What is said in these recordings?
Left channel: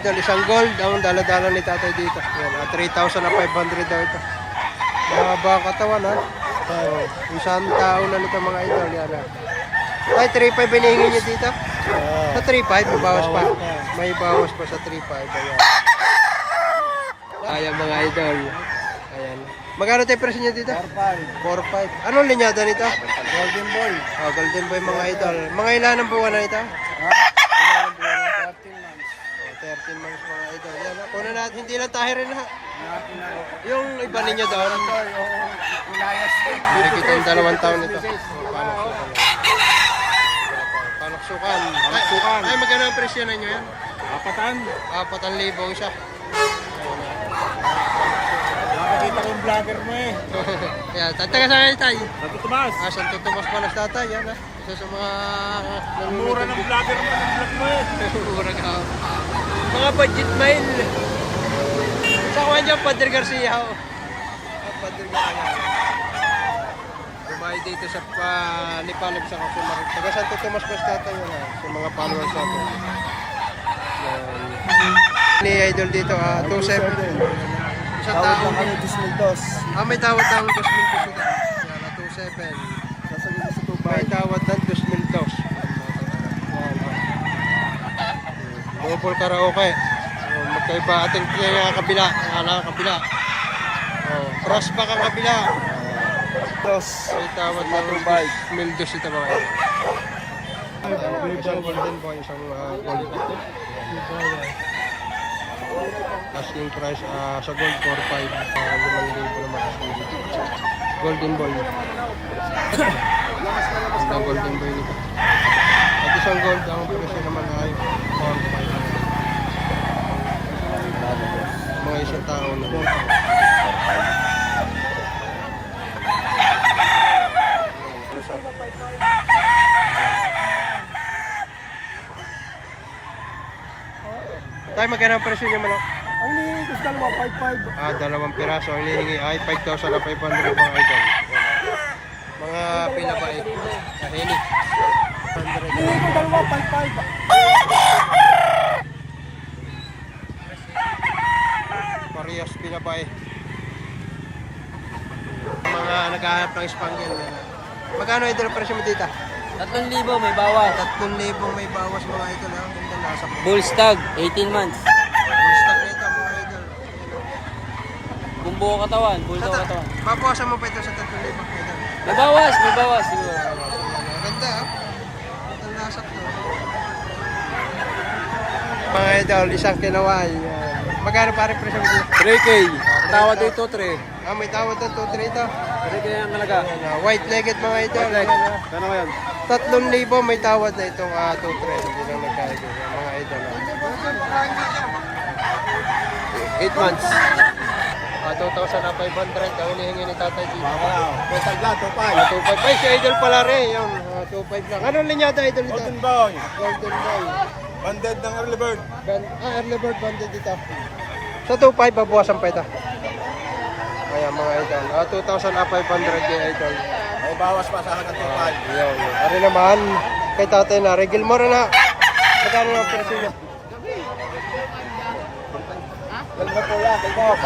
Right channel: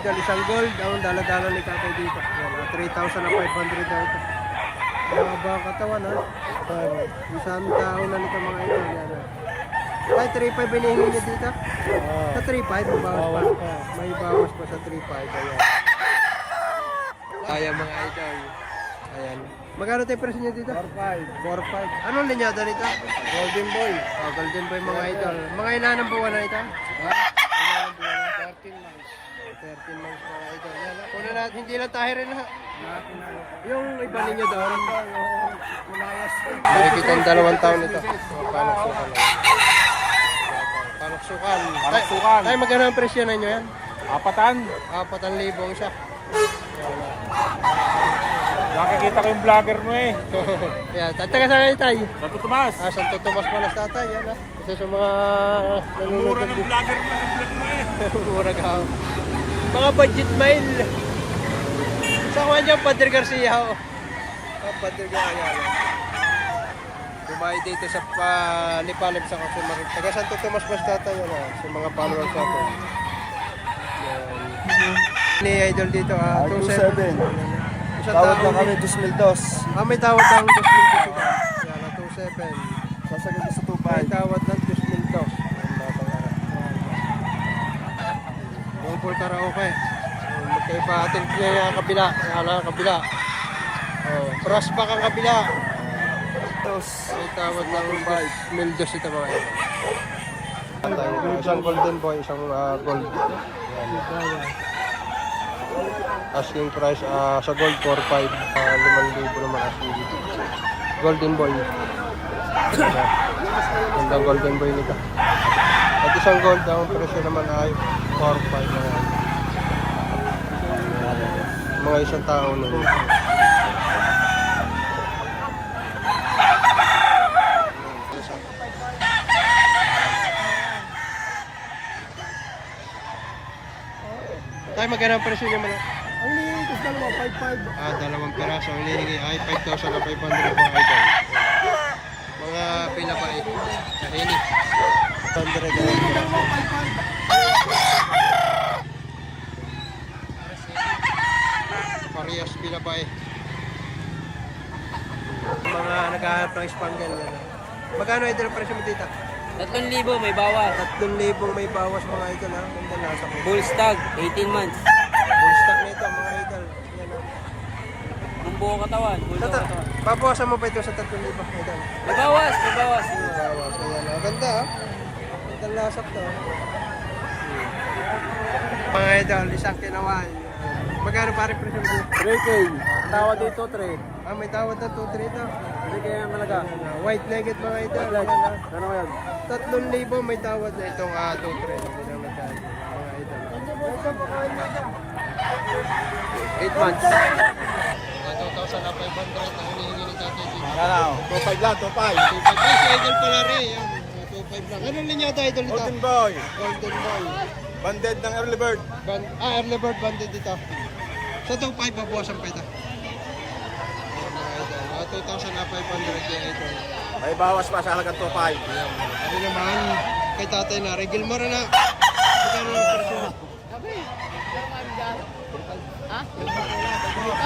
Isang gold ang dala-dala ni tatay dito. Yan, 3,500 daw ito. Mahaba katawan ha. Oh, isang tao na nito mga idol. Yan ha. Ay, 3,500 binihingi niya dito. Sa 3,500 may bawas pa. May bawas pa sa 3,500. Ayan. Ayan mga idol. Ayan. Magkano tayo presyo niya dito? 4-5. 4,500. Anong linyada nito? Golden Boy. Oh, Golden Boy mga idol. Mga ilan ang buwan na ito? Ha? Ilan ang buwan na? 13 months. 13 months mga idol. Yan ha. Kunin natin, hindi lang tayo rin ha. Natin na. Yung iba ninyo doon. Yung Elias. Makikita ang 2 taon nito. Panaksukan lang. Panaksukan. Panaksukan. Ay, magkano ang presyo ninyo yan? 4,000. 4,000 siya. Yan na. Nakikita ko yung vlogger mo eh. Yan, taga saan kayo tayo? Santo Tomas. Santo Tomas pa na tatay. Yan ha. Isa sa mga Mura nanonood ng vlogger mo ng vlog mo eh. Mura ka. Mga budget mile. Sa kuha dyan, Padre Garcia. Padre Garcia. Dumayo dito sa Lipalib sa Kasumarik. Taga Santo Tomas pa tatay. Yan ha. Sa mga followers natin. Yan. Ni Idol dito, 2,700. Isang tao. May tawad ng 2,000 dito. Yan, 2,700. May tawad ng 2,000. Yan, batang ara. Yan, ha. Double karaoke. Magkaiba ating kabila. Yan, kabila. Brass pack ang kabila. May tawad ng 2,000 ito mga ito. Isang golden boy, isang gold. Yan. Asking price sa gold 4,500, 5,000 naman asking dito. Golden boy. Ang golden boy nito. At isang gold ang presyo naman ay 4,500 mga isang tao nito. Tayo magkano ang presyo niya manok? Ang lihingi ko sa 2,500. 2 piraso. Ang hinihingi ay 5,500 mga idol. Mga pinabae. Kahini. Lihingi ko 2,500. Parehas pinabae. Mga naghahanap ng spangle yan. Magkano idol ang presyo mo dito? 3,000 may bawas. 3,000 may bawas mga idol ha. Ganda nasa ko. Bull stag, 18 months. Full stock na ito mga idol. Yan ha. Bumbuo katawan, bulto katawan. Babawasan mo pa ito sa 3,000 idol. May bawas, may bawas. Bawas. Ayan ha. Ganda ha. Ganda lasak to. Mga idol, isang kinaway. Magkano pare presyo mo dito? 3K. Tawad dito, 3. May tawad ng 2,3 ito. 3K ang halaga. White-legged mga idol. Yan ha. Ano yan? 3,000 may tawad na itong 2,3. Hindi lang nagkakaroon. Mga idol. 8 months. 2,500 ang hinihingi ni tatay dito. Pwede lang, 2,500. 2,500. Ay, si idol pala rin. Yung 2,500 lang. Anong linyada idol dito? Golden Boy. Golden boy. Banded ng early bird. Early bird banded dito. Sa 2,500 babawasan pa ito. Ayan mga idol. 2,500 kay idol. May bawas pa sa halagang 2,500. Ayan. Ano naman kay tatay na. Regil mo rin ha. Magkano ng presyo niya? Kalma po yan, kalma.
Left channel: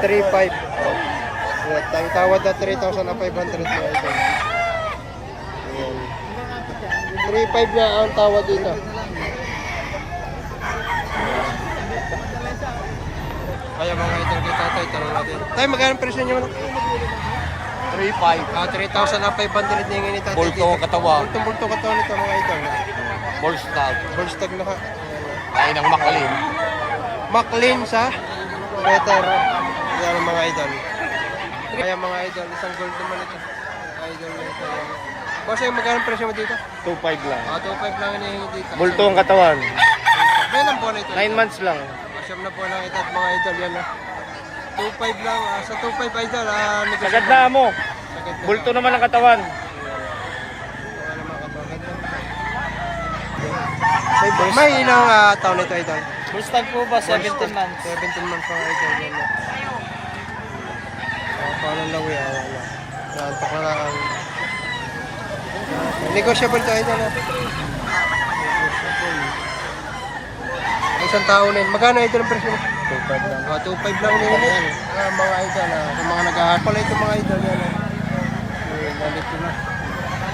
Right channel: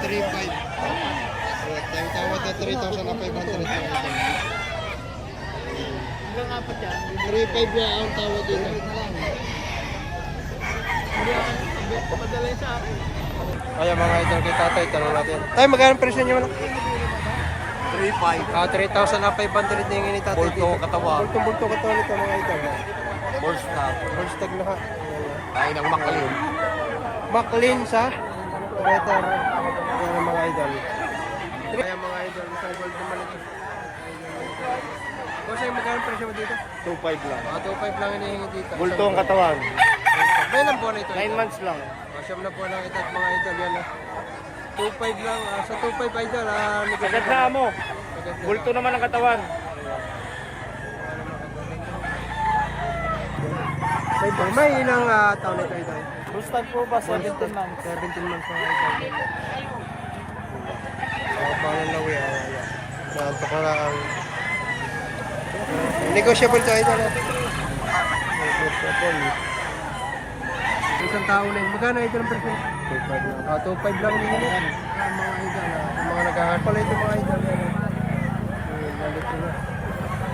3,500. Ang tawad na 3,500 mga idol. Ayan. 3,500 na ang tawad dito. Ayan mga idol kay tatay. Tanong natin. Tayo magkano presyo niya man? 3,500. 3,500 na yung ni tatay Bulto dito. katawan. Bultong-bulto katawan nito mga idol. Bull stag. Bullstag na ha. Ayan na. Ay ng makalin. McLean sa better. Ayan ang mga idol. Ayan mga idol. Isang gold naman ito. Idol na ito. Boss, yung magkano presyo mo dito? 2,500 lang. 2,500 lang hinihingi dito. Bultong katawan. Kailan po na ito? 9 months lang. Siyam na po lang ito at mga idol. Yan na. 2,500 lang. Sa 2,500 idol. Negosyo Sagad na mo. Sagad na Bulto lang. naman ang katawan. Wala naman katawan. Ganda nito. May ilang taon ito idol? Bull stag po ba? 17 months. 17 months mga idol. Yan na. Palalawi. Ayan na. Naantok na lang ang negotiable to idol. Negotiable. Isang tao na yun. Magkano idol ang presyo? 2.5 lang hinihingi. Mga idol, yung mga nag-ahapal pala ito mga idol. Yan, galit ko na.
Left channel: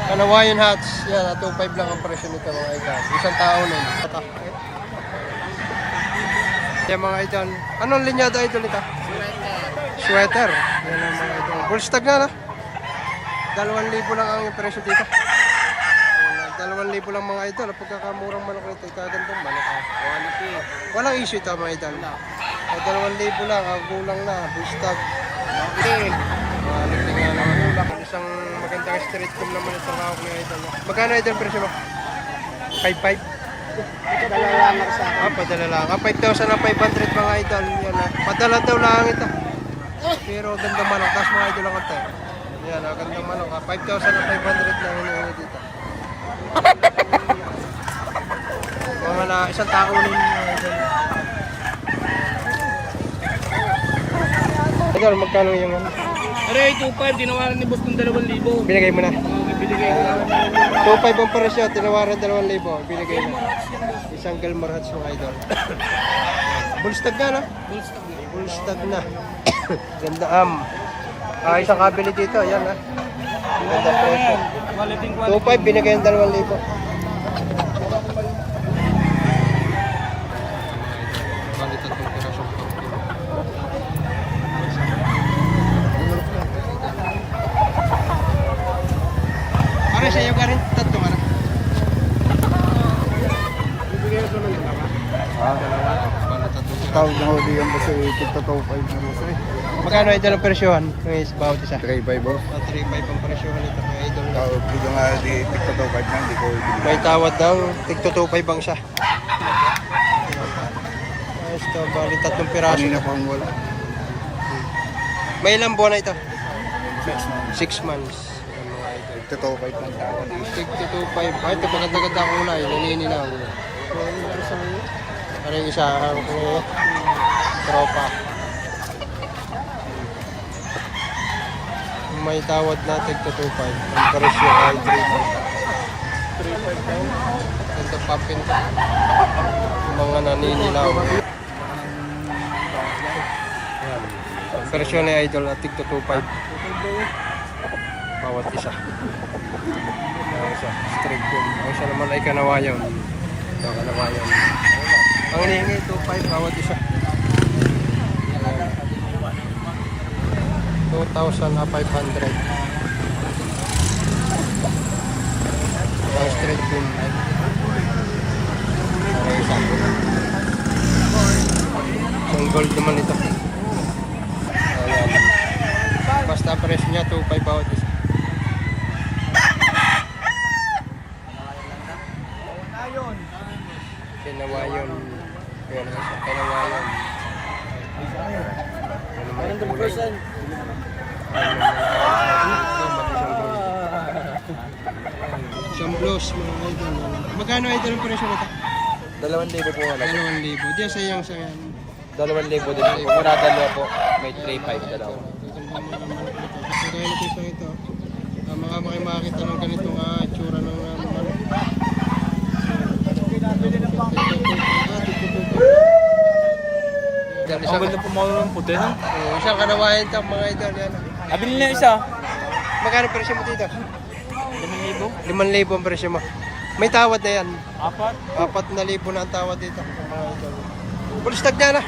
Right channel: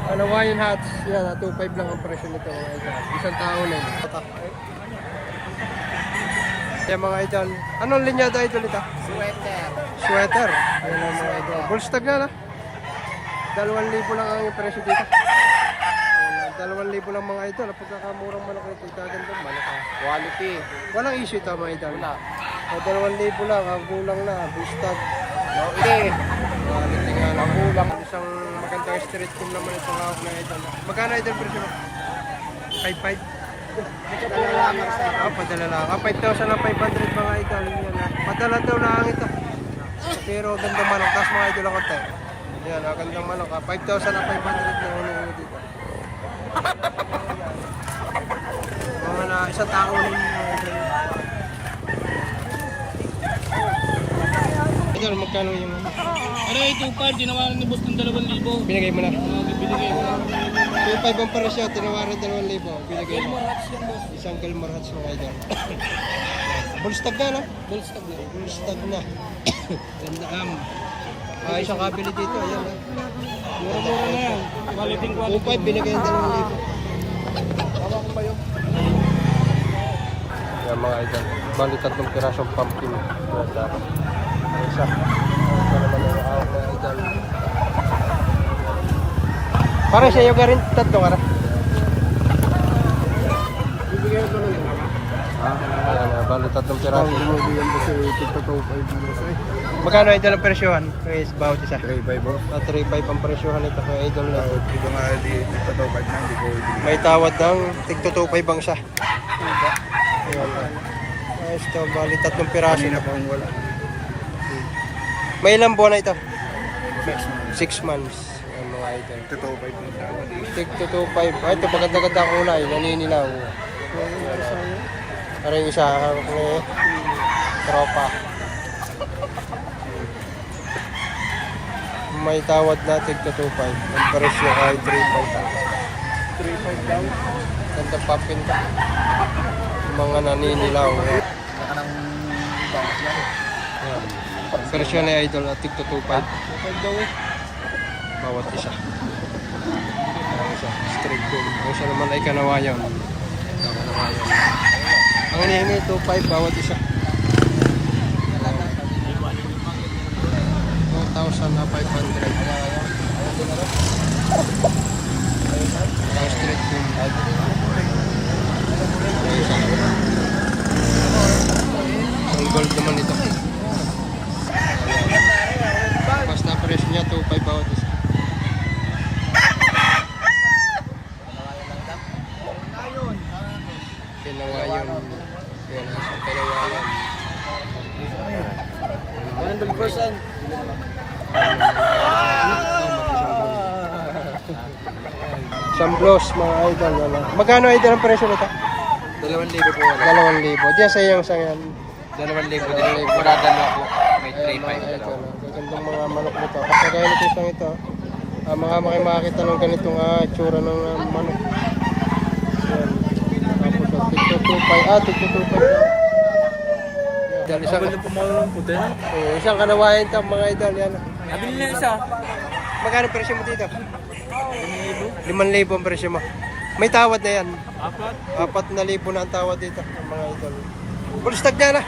Kanawayan hats, yan, 2.5 lang ang presyo nito mga idol. Isang tao na yun. Yan mga idol. Anong linyado idol ito? Sweater. Yan ang mga idol. Bullstag na na. 2,000 lang ang presyo dito. 2,000 lang mga idol. Pagkakamurang manok nito, ikagandang manok ha. Quality. Walang issue ito mga idol. 2,000 lang, gulang na, bullstag. Okay. Quality nga naman. Isang magandang street room naman itong hawak na idol. Magkano idol presyo mo? 5,500? Padala lang. 5,000 na 500 mga idol. Yan na. Padala daw lang ito. Pero gandang manok. Tapos mga idol lang konti. Yan, gandang manok. 5,000 na 500 na hinihingi dito. Mga na isang tao na yun mga idol. Idol, magkano yung ano? Aray, 2.5, tinawaran ni boss ng 2,000. Binigay mo na. Binigay ko na. 2.5 ang presyo, tinawaran 2,000. Binigay mo. Isang Gilmore hats mga idol. Bullstag na no? Bullstag na. Ganda isang kabili dito, yan ha. Quality, quality. 2.5 binigay ang 2,000. Yan mga idol. Bali 3 pirasong pumpkin. Isa. Para sa iyo ka rin 3 ka na. Bibigyan ko ng dalawa. Bali 3 pirasong. Bibigyan ko sa 2.5 na boss eh. Magkano idol ang presyohan? Guys, bawat isa. 3.5 boss. 3.5 ang presyohan ito kay idol na. Yung nga di 2.5 na, hindi ko ibigay. May tawad daw, tigto 2.5 ang siya. Ayos to, bali 3 piraso. Kanina pang wala. May ilang buwan na ito? 6 months. 6 months. Yan mga idol. 2.5 lang daw. Tigto 2.5. Ay, ito maganda-ganda ang kulay, naninilaw. Parang isa, hawak ko tropa. May tawad na tigto 2.5. Ang presyo ay 3.5. 3.5 daw. Ganda pumpkin to. Mga naninilaw. Yan. Ang presyo na idol at tigto 2.5. Bawat isa. Ang isa, straight boom. Ang isa naman ay kanawayon. Ito, kanawayon. Ang hinihingi 2.5 bawat isa. 2,500. Ang straight boom. Ang isa. Ang gold naman ito. Ayan. Basta presyo niya 2.5 bawat isa. Kinawayon. Ayan, isang kinawayon. Ayan naman ang kulay. Samblos mga idol. Magkano idol ang presyo nito? 2,000 po. 2,000. Diyan sa iyang sayan. 2,000 din. Murada mo ako. May 3.5 na. Gandang mga manok nito. Kasi kaya nito isang ito. Mga makakita ng ganitong tsura ng manok. Tigto 2.5. Dahil isang pumalong puti na. isang kanawayan ito mga idol. Yan. Abili na isa. Magkano presyo mo dito? 5,000. 5,000 ang presyo mo. May tawad na yan. 4. 4,000 na ang tawad dito mga idol. Bullstag na na.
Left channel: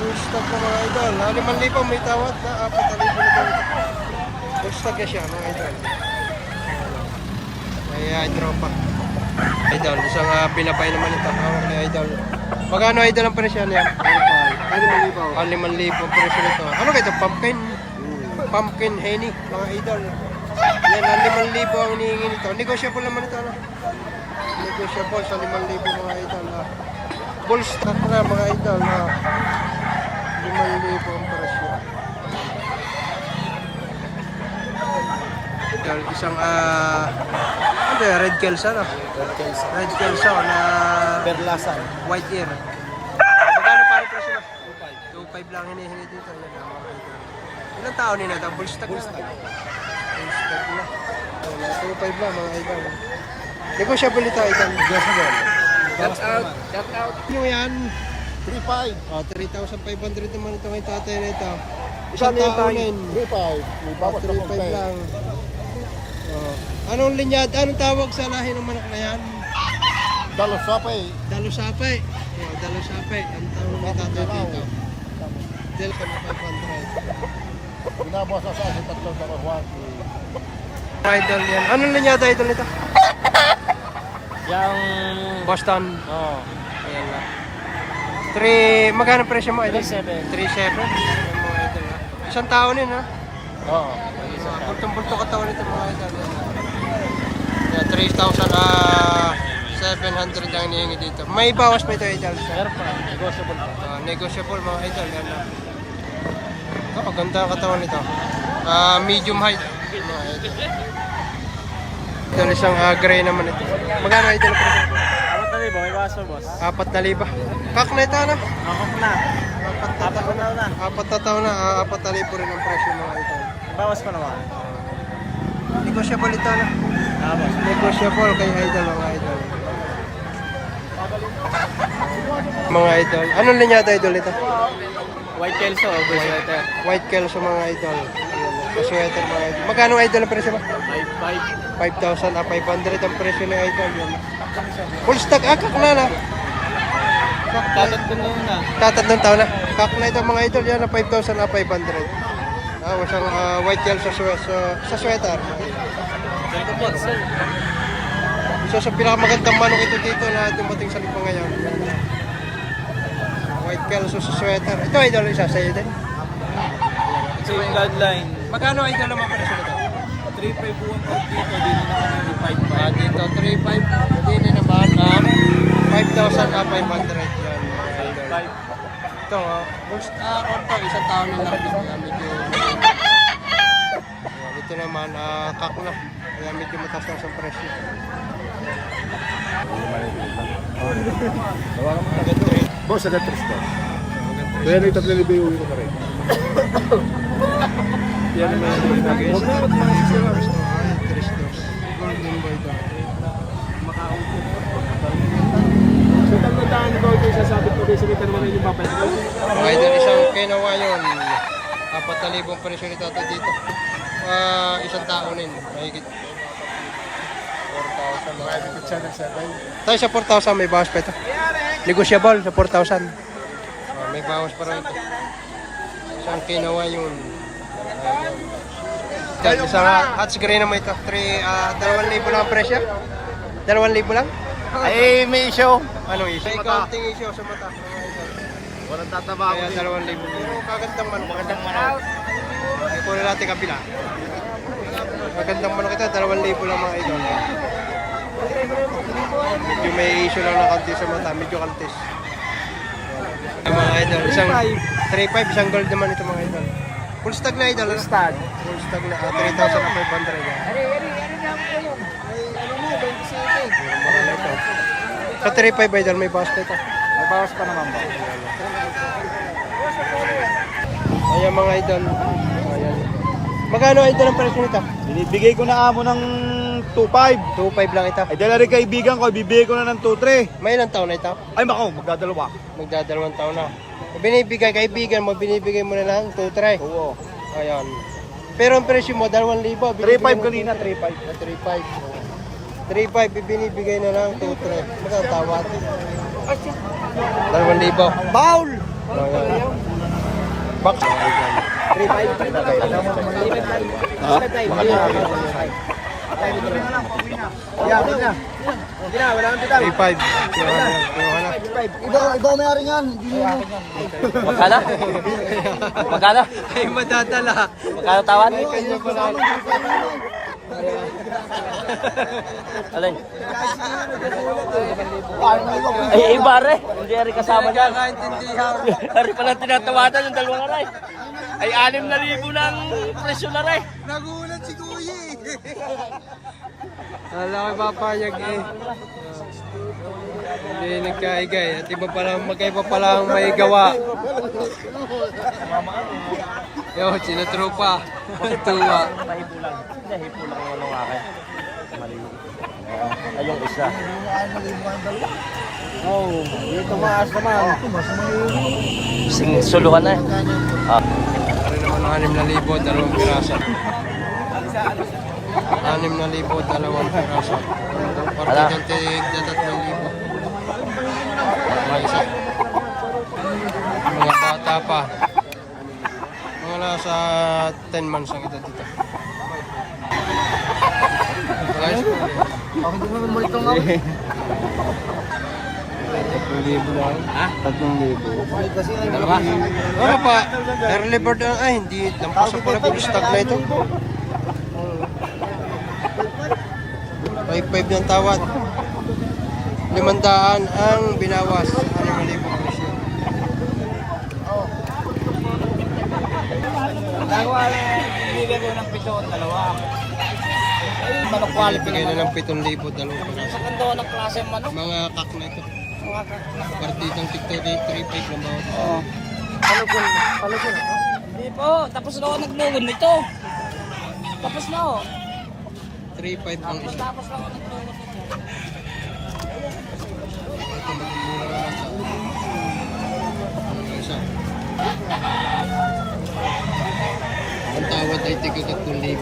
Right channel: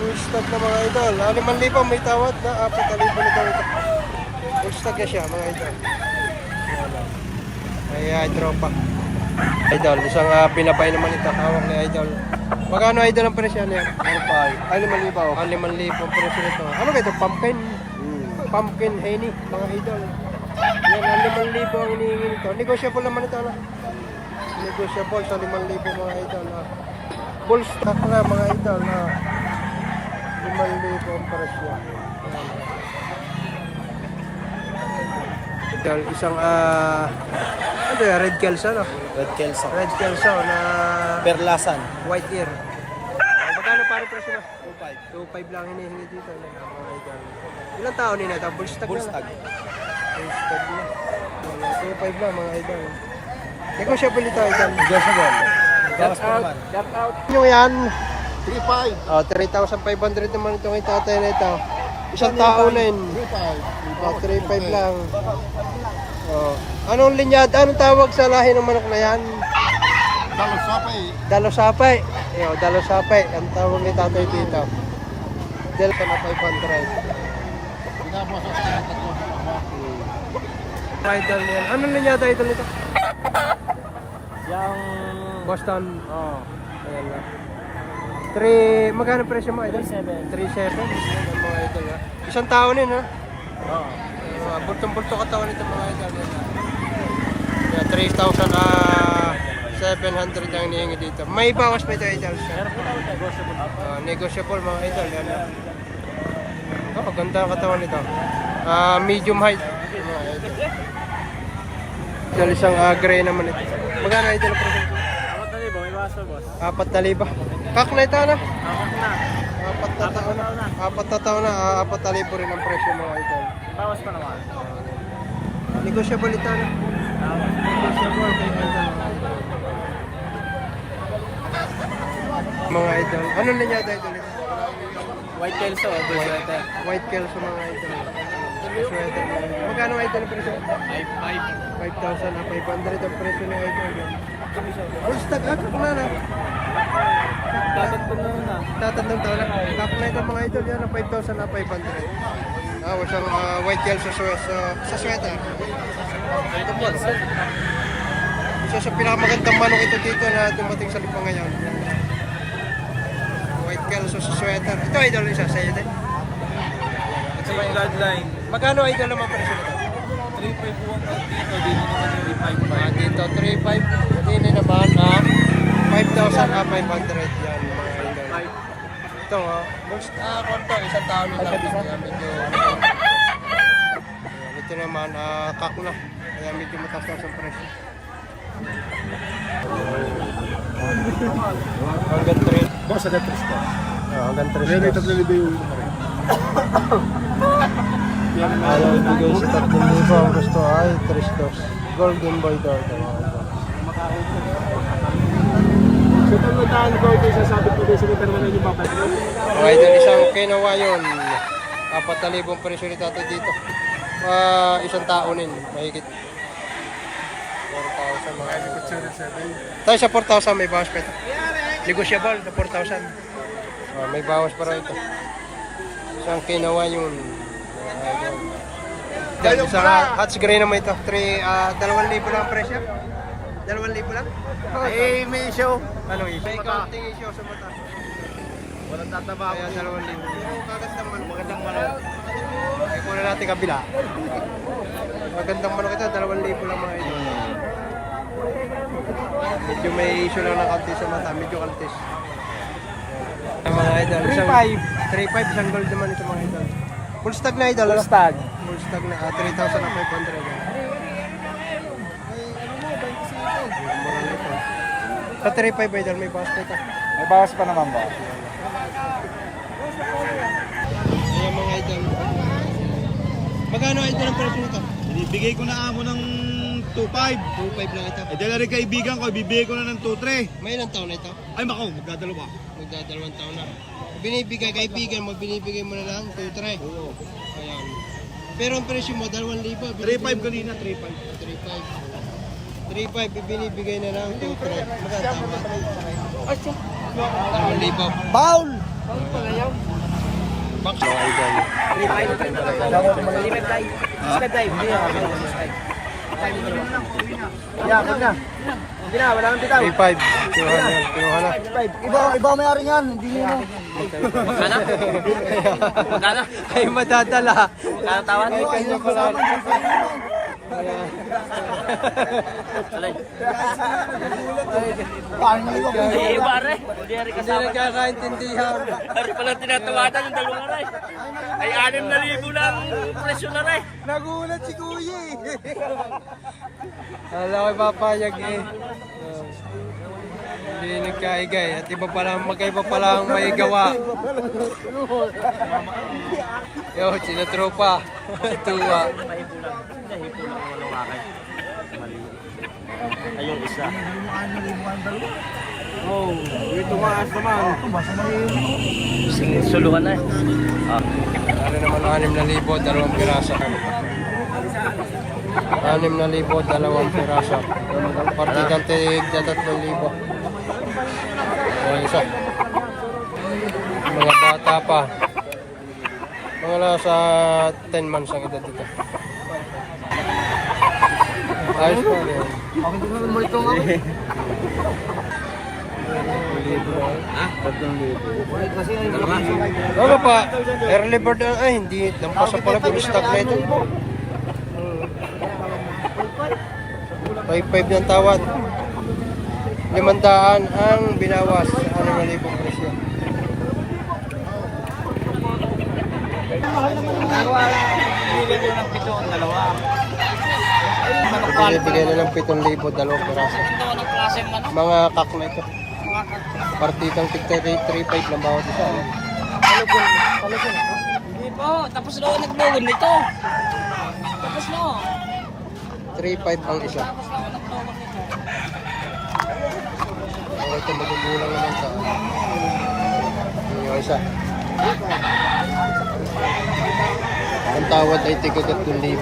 Bullstag na mga idol. 5,000 may tawad na 4,000 na daw ito. Bullstag na siya mga idol. Ay tropa. Idol, isang pinabay naman ito. Hawak na idol. Magkano idol ang presyo niyan? 5,000 ang presyo nito. Ano kayo ito? Pumpkin? Pumpkin henny mga idol. Yan, 5,000 ang hinihingi nito. Negotiable naman ito. Ano? Negotiable sa 5,000 mga idol. Bullstock na mga idol. 5,000 ang presyo. Idol, isang ano yun? Red Kelso no? Red Kelso na Perlasan. white ear. Magkano parang presyo na? 2.5. 2.5 lang hinihingi dito. Yan mga idol. Ilang taon nila ito? Bullstock na. Bullstock na. Wala, 2.5 lang mga idol. Negotiable ito idol. Negotiable. Bawas pa naman. Yung yan, 3.5. 3,500 naman itong itatay na ito. Isang tao na yun. 3.5. 3,500 lang. Anong linyad? Anong tawag sa lahi ng manok na yan? Dalosapay. Dalosapay. Dalosapay. Ang tawag ni tatay dito. Dahil sa 500. Binabawas ako sa tatlong dalawa. Idol yan. Anong linyada idol nito? Yang... Boston. Ayan na. 3, magkano presyo mo idol? 3,700. 3,700. Yan ang mga idol ha. Isang tao din ha. Oo. Bultong-bulto katawan nito mga idol. Yan, 3,700 ang hinihingi dito. May bawas pa ito idol. Negotiable mga idol. Yan na. Ganda ang katawan nito. Medium height. Mga idol. Idol isang gray naman ito. Magkano idol presyo? 4,000. Kak na ito na. 4 na. 4,000 rin ang presyo mga idol. Bawas pa naman. Negotiable ito na. Negotiable kay idol mga idol. Mga idol. Anong linyada idol ito? White Kelso. White Kelso mga idol. Sweater mga idol. Magkano idol ang presyo mo? 5,000. 500 ang presyo ni idol. Full stock. Kak na na. Tatatong taon na. Kak na ito mga idol. Yan na 5,000 500. Isang white gel sa sweater. So sa pinakamagandang manok ito dito na dumating sa Lipa ngayon. Yan. White gel sa sweater. Ito idol isa sa idol. Ito yung bloodline. Magkano idol naman presyo nito? 3.5 buwan out dito. Dito naman yung 5. Dito 3,500. Dito naman 5,500 yan mga idol. Ito konto, isang taon nila. Medyo ayan, ito naman kak na. Kaya medyo mataas na ang presyo. Hanggang 3. Boss, agad 3 stars. Hanggang 3. Kaya dito nilibo yung ko pa rin. Yan naman guys. Hindi ko ang gusto ay 3 stars. Golden boy daw. So, tanong ko ito sa sabi ko sa kita naman yung mapa. Mga idol, isang kinawa yun. 4,000 presyo ni tatay dito. Isang taonin. Mahigit 4,000 mga idol. Tayo sa 4,000 may bawas pa ito. Negotiable sa 4,000. May bawas pa rin ito. Isang kinawa yun. Mga idol. Isang hats gray naman ito. 2,000 lang ang presyo. 2,000 lang? May issue. Anong issue? May counting issue sa mata. Mga idol. Walang tatama. Kaya 2,000. Pero kagandang manok. Ipon na natin kabila. Kagandang manok ito. 2,000 lang mga idol. Medyo may issue lang ng kaltis sa mata. Medyo kaltis. Mga idol. Isang 3,500. Isang gold naman ito mga idol. Full stock na idol. Full stock na. 3,500. Mura na ito. Sa 3,500 idol, may bawas pa ito. May bawas pa naman ba? Ayan mga idol. Ayan. Magkano idol ang presyo nito? Binibigay ko na amo ng 2.5. 2,500 lang ito. Ay, dala rin kaibigan ko, bibigay ko na ng 2.3. May ilang taon na ito? Ay, makaw, magdadalawa. Magdadalawang taon na. Binibigay kaibigan mo, binibigay mo na lang 2,300. Oo. Ayan. Pero ang presyo mo, 2,000. 3.5 kanina, 3.5. 3,500. 3,500 binibigay na lang 2,300. Magkano tawad? 2,000. Paul! Ayan. Box mga idol. 3,500. Kinuha na. Iba may ari yan, hindi nyo. Magkano? Ay madadala. Magkano tawad? Ay kanya pala. Ayan. Alay. Ay, Iba re. Hindi rin Hindi kasama. nagkakaintindihan. Ari pala tinatawagan yung dalawang aray. Ay 6,000 na ang presyo na rin. Nagulat si Kuya Alam ko papayag eh. Hindi nagkaigay. At iba palang magkaiba palang may gawa. Yo, sinatropa. Tuwa. Ayun isa. Oo, dito maas naman. Suluhan na eh. Dari naman 6,000, dalawang piraso. 6,000, dalawang piraso. Partidang tig 3,000. Wala isa. Mga bata pa. Mga nasa 10 months ang edad dito. Ayos pa rin. Ako hindi naman mulito nga. Kasi ay malakas. Ano pa? Early bird ay hindi. Lampas na pala full stock na ito. 5,500 ng tawad. 500 ang binawas sa 6,000 presyo. Bigyan ko ng 7 ang dalawa. Binibigay na ng 7,000, dalawang piraso. Ito ng klase manok. Mga kak na ito. Mga kakak. Partidang tigta 3,500 lang bawat isa. Hindi po. Tapos na ako nagluwin nito. Tapos na ako. 3,500 ang isa. Tapos na ako nagluwin nito. Ito magigulang naman ito. Yung isa. Ang tawad ay tiga 3,000.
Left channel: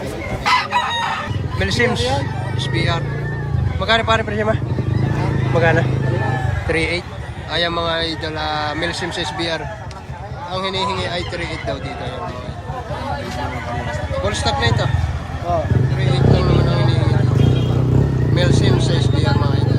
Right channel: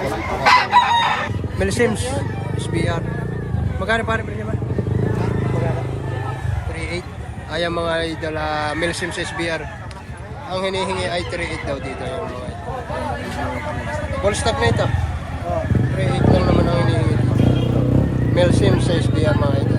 Milsims, SBR. Magkano pare presyo ma? Magkano? 3,800. Ay ang mga idol Milsims SBR. Ang hinihingi ay 3,800 daw dito yung mga idol. Full stock na ito. 3,800 lang naman ang hinihingi. Milsims sa SBR mga idol.